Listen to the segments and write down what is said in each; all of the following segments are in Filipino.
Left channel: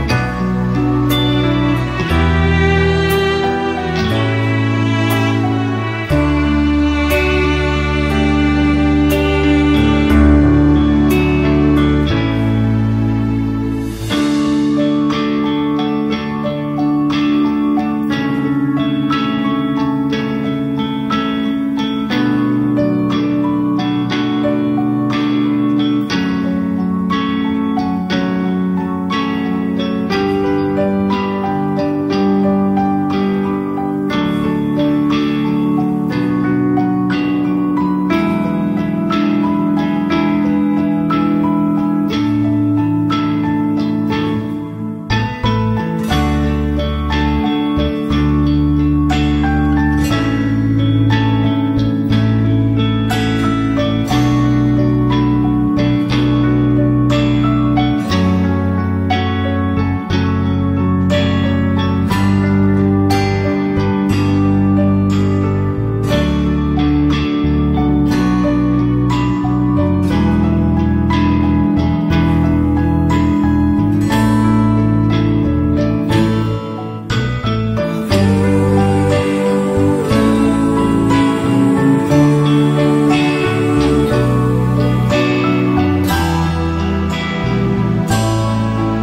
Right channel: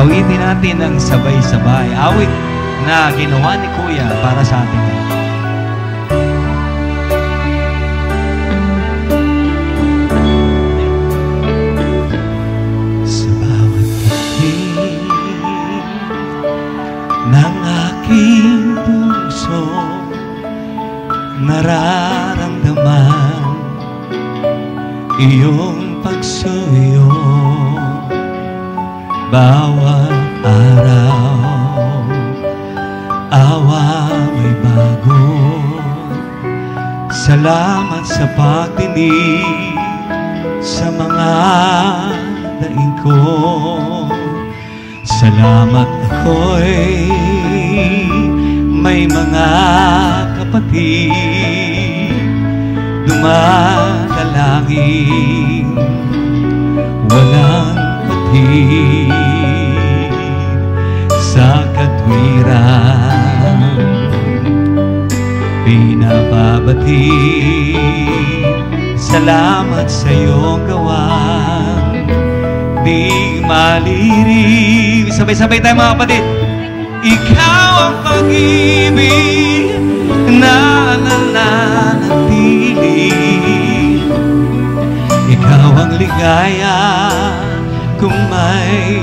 Awitin natin ang sabay-sabay. Awit na ginawa ni Kuya para sa atin. Sa bawat titig ng aking puso, nararamdaman iyong pagsuyo. Bawat araw, awa may bago. Salamat sa pagdinig sa mga daing ko. Salamat ako'y may mga kapatid dumadalangin walang sa katwiran, binababati. Salamat sa iyong gawa, di maliliw. Sabay-sabay tayo mga kapatid. Ikaw ang pag-ibig na nananatili. Ikaw ang ligaya kung may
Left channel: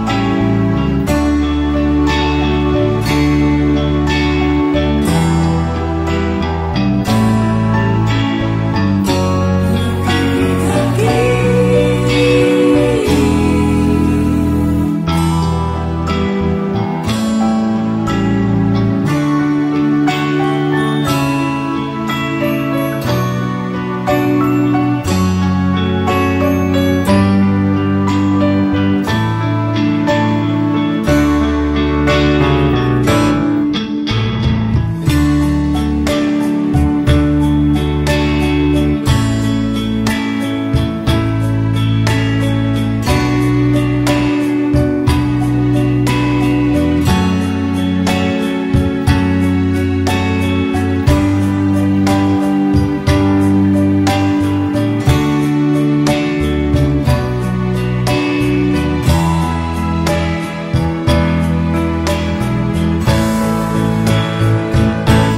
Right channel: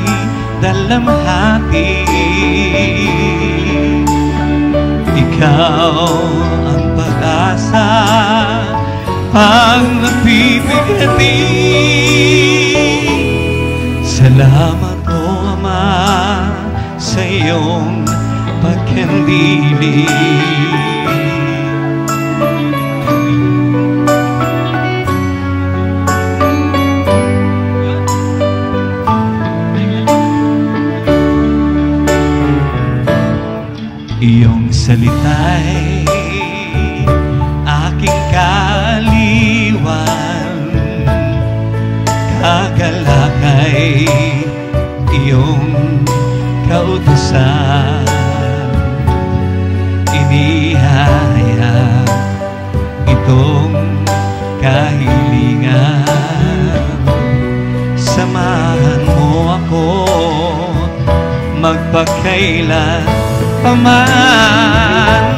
dalamhati. Ikaw ang pag-asa pag nagbibigati. Salamat o Ama sa iyong pagkandili. Iyong salita'y aking kaliwan, kagalakay iyong kautusan. Inihahaya itong kahilingan, samahan mo ako magpakailan paman.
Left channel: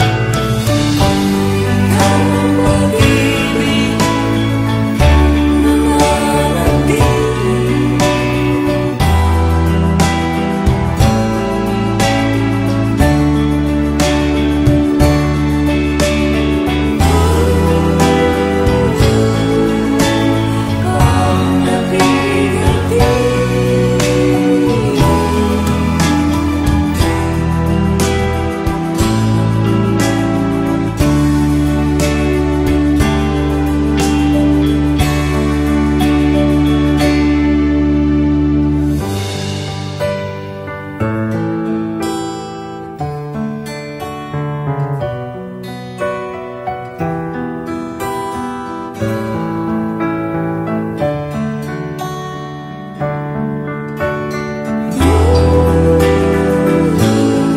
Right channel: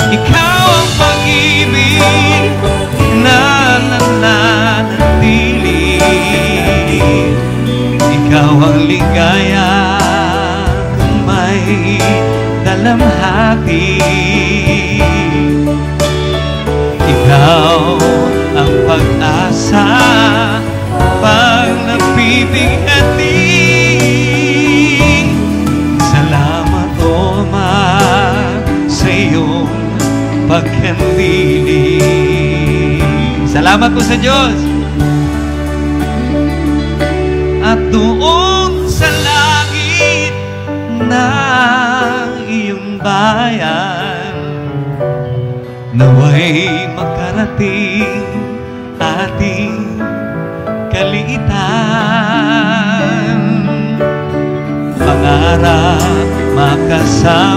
Ikaw ang pag-ibig na nananatili. Ikaw ang ligaya kung may dalamhati. Ikaw ang pag-asa pag nagbibigati. Salamat po sa Diyos. At doon sa langit ng iyong bayan, naway makarating ating kaliitan. Pangarap makasama